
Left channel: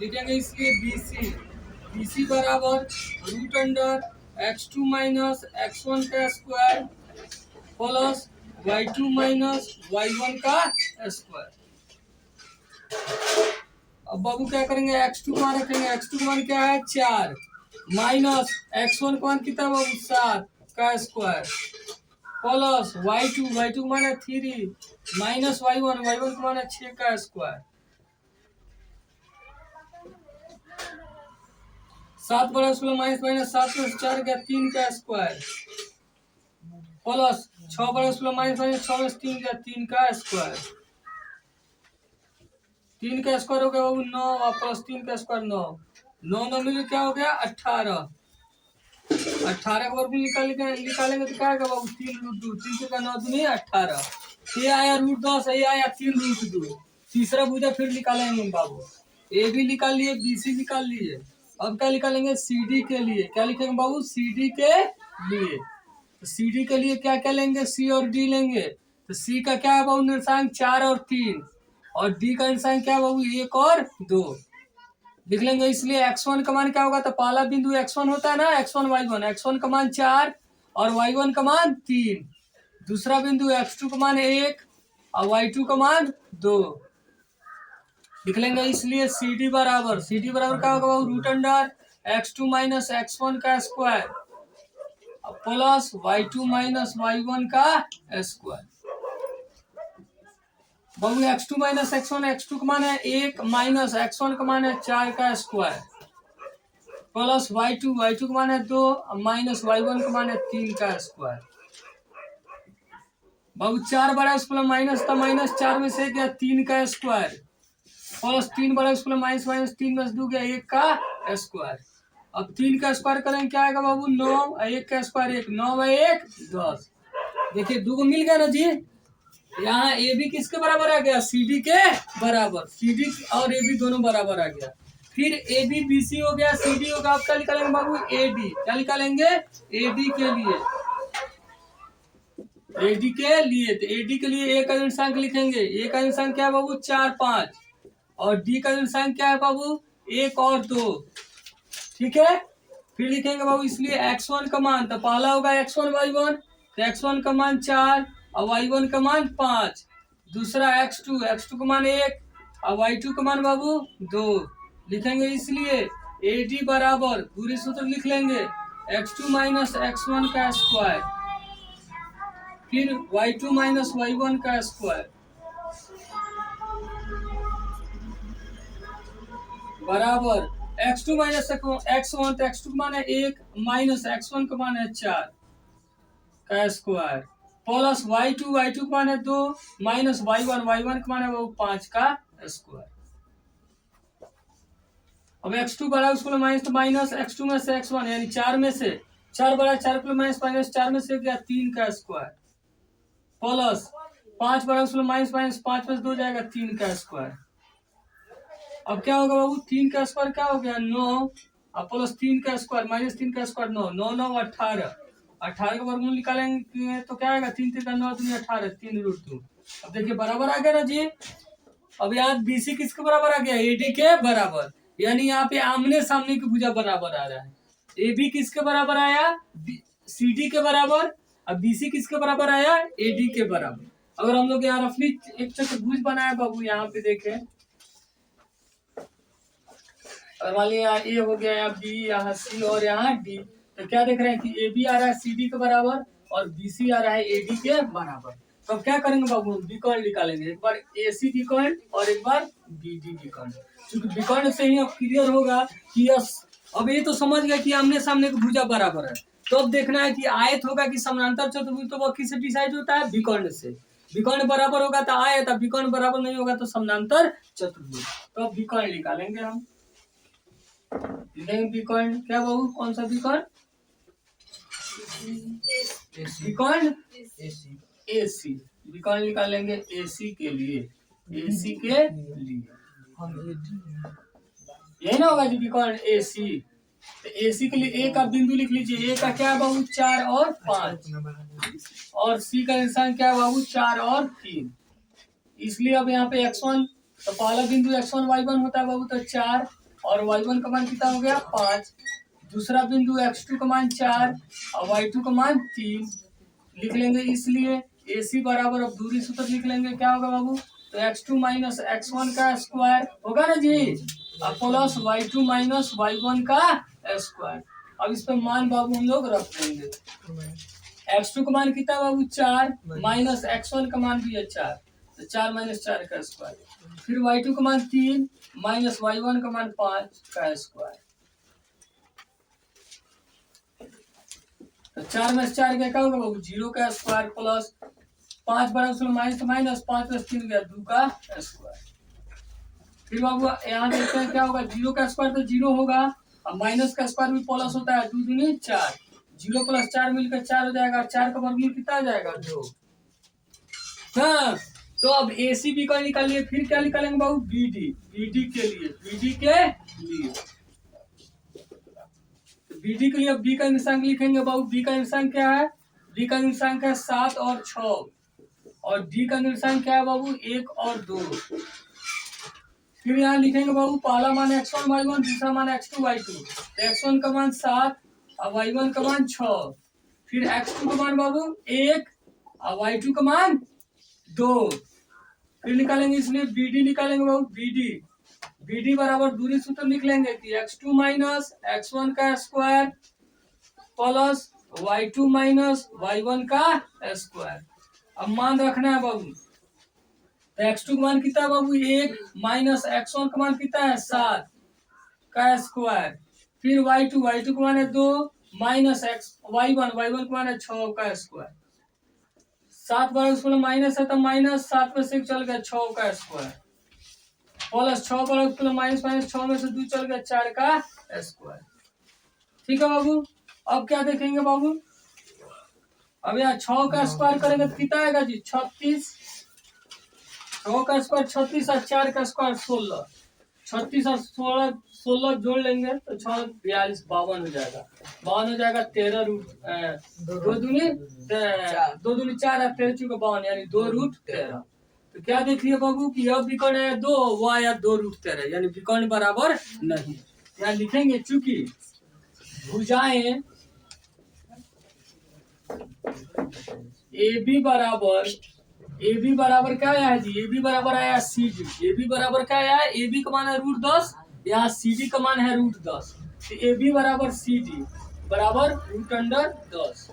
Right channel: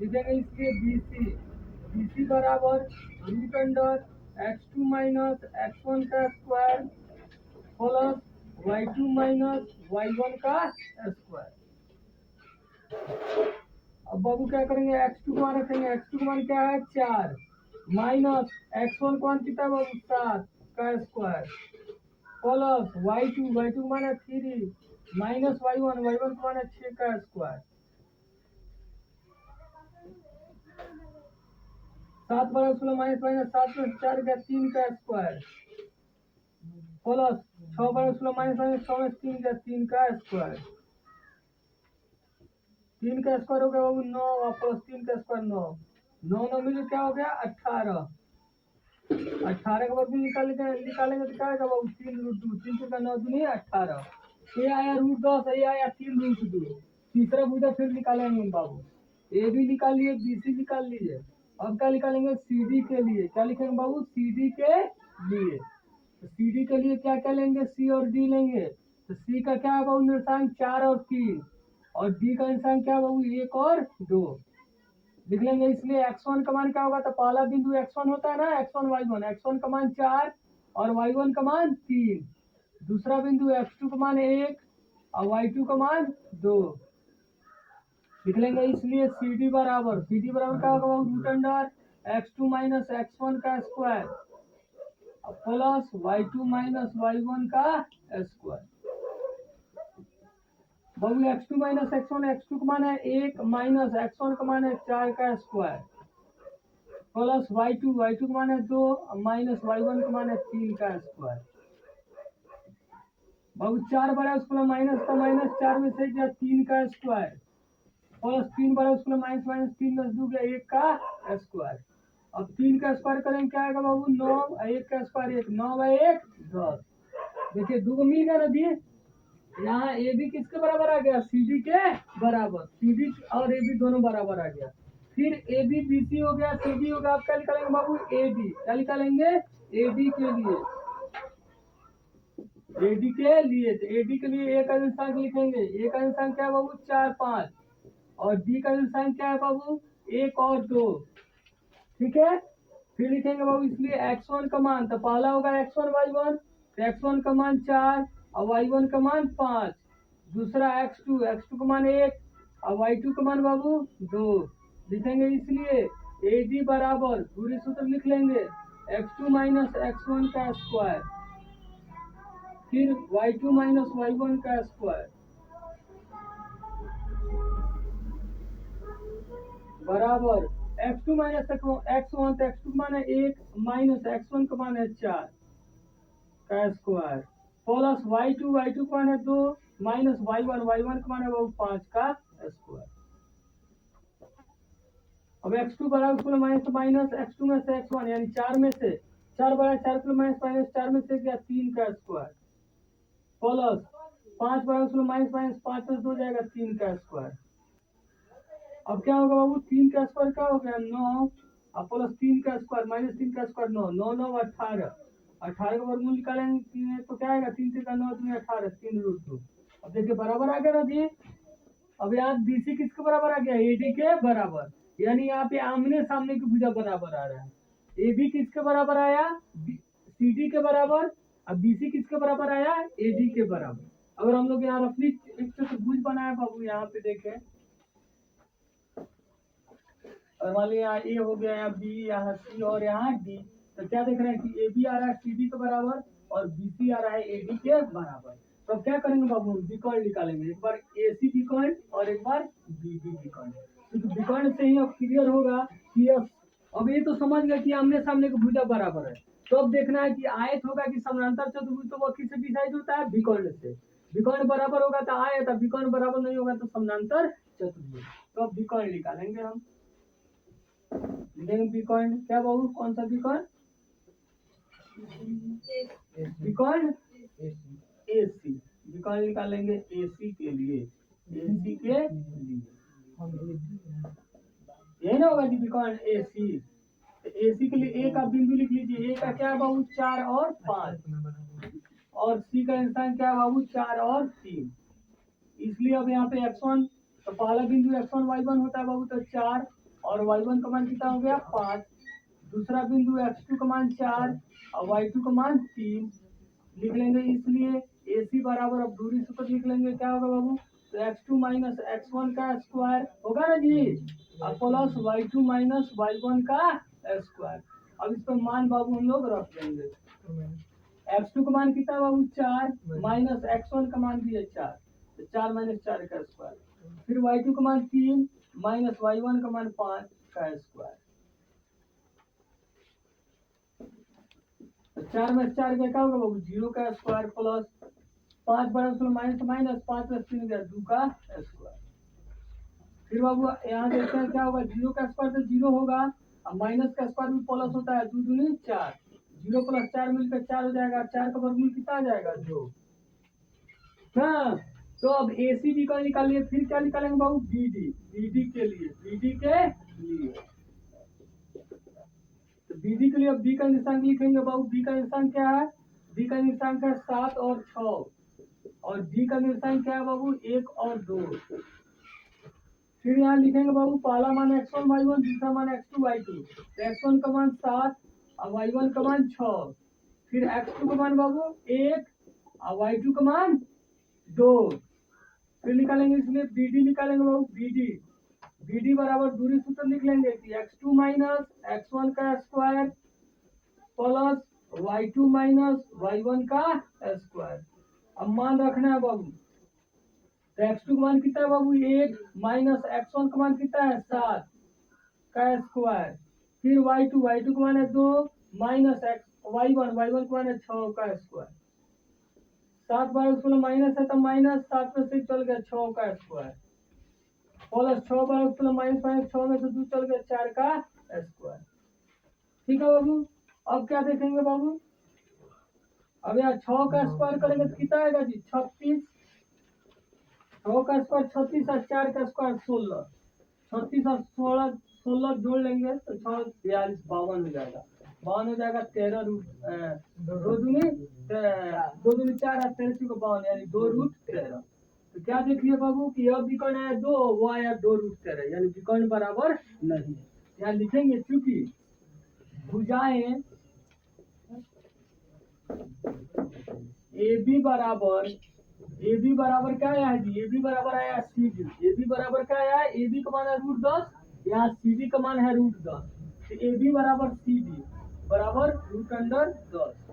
लिखेंगे इसलिए बीसी, बीसी बराबर root under x2 minus x1 का square plus y2 minus y1 का स्क्वायर। अब बाबू क्या करेंगे? x2 का मान रखेंगे, x2 का मान क्या है 4 माइनस x1 का मान कितना बाबू 7 का स्क्वायर प्लस y2 का मान है 3 माइनस y1 का मान है 6 का स्क्वायर। 7 बड़ा 16 माइनस माइनस 7 में 4 गया 3 का स्क्वायर प्लस 6 बड़ा 16 माइनस माइनस 6 में 3 गया 3 का स्क्वायर। 3 का स्क्वायर हो गया बाबू 9 और प्लस 3 का स्क्वायर 9, 9 9 मिले क्या हो गया 18। 18 का वर्ग निकालेंगे तो क्या आएगा बाबू 3 रूट 2, 3 का 9 दूनी 18। ये आया रूट 10, ये आया 3 रूट 2। तीसरा भुजा फिर निकालेंगे बाबू। ए बी निकाल लिए, बी सी निकाल लिए। अब क्या निकालेंगे? सी डी के लिए। क्या लिखेंगे बाबू? सी डी के लिए। तो सी डी के लिए क्या क्या लेंगे? सी और डी लेंगे। तो सी का क्या है बाबू निर्देशांक 4 और 3 और डी का निर्देशांक क्या है बाबू 1 और 2 लिख लेंगे। इसलिए x1 का मान क्या होगा? तो पहला बिंदु x1 होता है ना, x1 y1, x1 का मान 4 और y1 का मान 3। दूसरा बिंदु x2 का मान 1 और y2 का मान 2 लिख लेंगे। इसलिए सी डी बराबर क्या होगा बाबू root under x2 minus x1 का square plus y2 minus y1 का स्क्वायर। बाबू x2 माइनस x1, x2 का मान है 1 माइनस x1 का मान है 4 का स्क्वायर प्लस y2 का मान है 2 माइनस y1 का मान है 3 का स्क्वायर। बाबू 4 बड़ा स्क्वायर माइनस था, माइनस 4 में से गया 3 का स्क्वायर, प्लस 3 बड़ा स्क्वायर माइनस माइनस 3 में से 2 गया 1 का स्क्वायर। अब 3 का स्क्वायर करेंगे क्या आएगा बाबू 9, 1 का स्क्वायर 1, 9 बाई 1 10। देखिए 2 को मिल गया ना जी। यहाँ ए बी किसके बराबर आ गया, सी डी के बराबर, सी डी और ए बी दोनों बराबर आ गया। फिर ए बी बी सी हो गया, सी डी होगा। आप क्या निकालेंगे बाबू, ए डी, क्या निकालेंगे, ए डी के लिए, एडी के लिए। तो एडी के लिए ए का निर्देशांक लिखेंगे, ए का निर्देशांक क्या है बाबू 4 5, और डी का निर्देशांक क्या है बाबू 1 और 2। ठीक है, फिर लिखेंगे बाबू इसलिए x1 का मान, तो पहला होगा x1 y1, तो x1 का मान 4 और y1 का मान 5। दूसरा x2, x2 का मान 1 और y2 का मान बाबू 2 लिखेंगे। इसलिए AD बराबर पूरी सूत्र लिख लेंगे x2 माइनस x1 का स्क्वायर, फिर y2 माइनस y1 का स्क्वायर बराबर x2 माइनस x1, तो x2 का मान है 1 माइनस x1 का मान है 4 का स्क्वायर, प्लस y2, y2 का मान है 2 माइनस y1, y1 का मान है वो 5 का स्क्वायर। अब x2 बड़ा उसको माइनस, तो माइनस x2 में से x1 यानी 4 में से 4 बड़ा 4 को माइनस माइनस 4 में से गया 3 का स्क्वायर, प्लस 5 बड़ा उसको माइनस माइनस 5 में से 2 जाएगा 3 का स्क्वायर। अब क्या होगा बाबू 3 का स्क्वायर क्या हो गया 9, अब प्लस 3 का स्क्वायर माइनस 3 का स्क्वायर 9, 9 9 18, 18 का वर्गमूल निकालेंगे तो क्या आएगा 3 3 9 2 18, 3 रूट 2। अब देखिए बराबर आ गया ना जी। अब यहाँ बीसी किसके बराबर आ गया, एडी के बराबर, यानी यहाँ पे आमने सामने की भुजा बराबर आ रहा है। ए बी किसके बराबर आया, सी डी के बराबर, अब बीसी किसके बराबर आया, एडी के बराबर। अगर हम लोग यहाँ रफली एक चतुर्भुज बनाए बाबू, यहाँ पे देखें, और मान लीजिए यहाँ ए हो गया, यहाँ बी, यहाँ सी और यहाँ डी, तो क्या देख रहे हैं कि ए बी आ रहा है सी डी के बराबर और बी सी आ रहा है ए डी के बराबर। तो अब क्या करेंगे बाबू, हम विकर्ण निकालेंगे, एक बार ए सी विकर्ण और एक बार बी डी विकर्ण। क्योंकि विकर्ण से ही अब क्लियर होगा कि यस, अब ये तो समझ गया कि आमने सामने की भुजा बराबर है। तो अब देखना है कि आयत होगा कि समानांतर चतुर्भुज, तो वह किससे डिसाइड होता है, विकर्ण से। विकर्ण बराबर होगा तो आयत, विकर्ण बराबर नहीं होगा तो समानांतर चतुर्भुज। तो अब विकर्ण निकालेंगे हम, विकर्ण क्या बाबू, कौन सा विकर्ण, विकर्ण एसी, विकर्ण निकालेंगे एसी के लिए, एसी के लिए यही ना होगा जी विकर्ण एसी। तो एसी के लिए ए का बिंदु लिख लीजिए, ए का क्या है बाबू 4 और 5, और सी का निशान क्या है बाबू 4 और 3। इसलिए अब यहाँ पे x1, तो पहला बिंदु x1 y1 होता है बाबू, तो 4 और y1 का मान कितना हो गया 5। दूसरा बिंदु x2 का मान 4 और y2 का मान 3 लिख लेंगे। इसलिए AC बराबर, अब दूरी सूत्र लिख लेंगे, क्या होगा बाबू, तो x2 माइनस x1 का स्क्वायर होगा ना जी, और प्लस y2 माइनस y1 का स्क्वायर। अब इस पर मान बाबू हम लोग रख देंगे, x2 का मान कितना बाबू 4 माइनस x1 का मान भी है 4, तो 4 माइनस 4 का स्क्वायर, फिर y2 का मान 3 माइनस y1 का मान 5 का स्क्वायर। तो 4 में 4 क्या होगा बाबू 0 का स्क्वायर, प्लस 5 बड़ा माइनस माइनस 5 प्लस 3 गया 2 का स्क्वायर। फिर बाबू यहाँ देखते हैं क्या होगा, 0 का स्क्वायर तो 0 होगा, और माइनस का स्क्वायर भी प्लस होता है, 2 दूनी 4, 0 प्लस 4 मिलकर 4 हो जाएगा, और 4 का वर्गमूल कितना आ जाएगा 2। हाँ, तो अब AC विकर्ण निकालिए, फिर क्या निकालेंगे बाबू BD, BD के लिए, BD के लिए, BD के लिए अब B का निर्देशांक लिखेंगे बाबू, B का निर्देशांक क्या है, B का निर्देशांक है 7 और 6, और D का निर्देशांक क्या है बाबू 1 और 2। फिर यहाँ लिखेंगे बाबू पहला मान x1 y1, दूसरा मान x2 y2, तो x1 का मान 7 और y1 का मान 6, फिर x2 का मान बाबू 1 और y2 का मान 2। फिर निकालेंगे, इसलिए BD निकालेंगे बाबू, BD बराबर दूरी सूत्र लिख लेंगे कि x2 माइनस x1 का square plus y2 minus y1 का स्क्वायर। अब मान रखना है बाबू, तो x2 का मान कितना है बाबू 1 माइनस x1 का मान कितना है 7 का स्क्वायर, फिर y2 का मान है 2 माइनस y1 का मान है 6 का स्क्वायर। 7 बार उसमें माइनस है तो माइनस 7 में से चल गया 6 का स्क्वायर प्लस 6 बार उसमें माइनस माइनस 6 में से 2 चल गया 4 का स्क्वायर। ठीक है बाबू। अब क्या देखेंगे बाबू, अब यहाँ 6 का स्क्वायर करेंगे तो कितना आएगा जी 36। 6 का स्क्वायर 36 और 4 का स्क्वायर 16। 36 और 16 जोड़ लेंगे तो 6 42 52 हो जाएगा। 52 हो जाएगा 13 रूट 2 दूनी 4 और 13 चुका 52 यानी 2 रूट 13। तो क्या देख लिया बाबू कि यह विकर्ण आया 2, वो आया 2 रूट 13 यानी विकर्ण बराबर नहीं। यहाँ लिखेंगे चूंकि भुजाएं ए बी बराबर क्या आया है जी, ए बी बराबर आया सी डी। ए बी बराबर क्या आया है, ए बी का मान है √10, यहाँ सी डी का मान है √10। तो ए बी बराबर सी डी बराबर √10।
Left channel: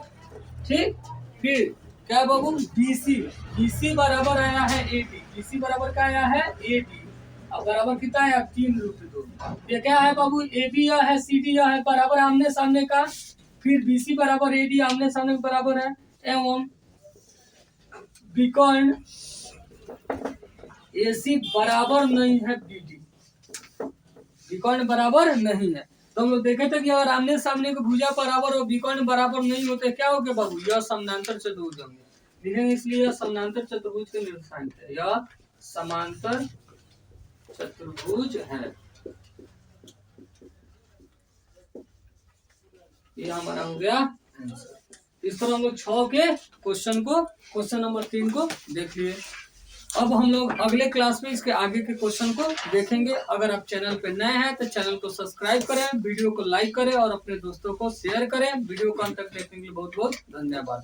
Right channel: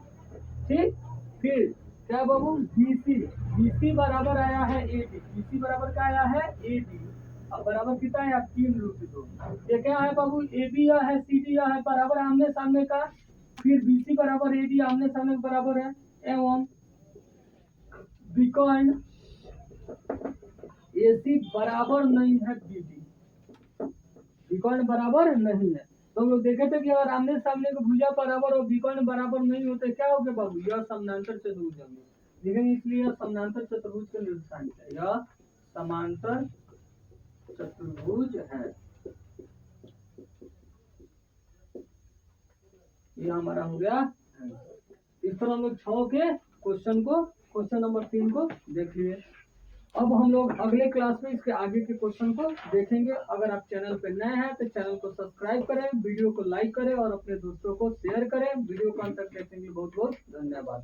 ठीक। फिर क्या बाबू BC बराबर आया है AD। BC बराबर क्या आया है AD। अब बराबर कितना है 3√2। ये क्या है बाबू AB या है CD या है बराबर आमने सामने का। फिर BC बराबर AD आमने सामने बराबर है एवं विकर्ण AC बराबर नहीं है BD। विकर्ण बराबर नहीं है। तो हम लोग देखे थे कि अगर आमने सामने के भुजा बराबर और विकर्ण बराबर नहीं होते क्या हो गया बाबू, यह समानांतर चतुर्भुज होंगे। लिखेंगे इसलिए यह समानांतर चतुर्भुज के निर्देशांक है, यह समांतर चतुर्भुज है। ये हमारा हो गया आंसर। इस तरह हम लोग 6 के क्वेश्चन नंबर 3 को देख लिए। अब हम लोग अगले क्लास में इसके आगे के क्वेश्चन को देखेंगे। अगर आप चैनल पे नए हैं तो चैनल को सब्सक्राइब करें, वीडियो को लाइक करें और अपने दोस्तों को शेयर करें। वीडियो को अंत तक देखने के लिए बहुत बहुत धन्यवाद।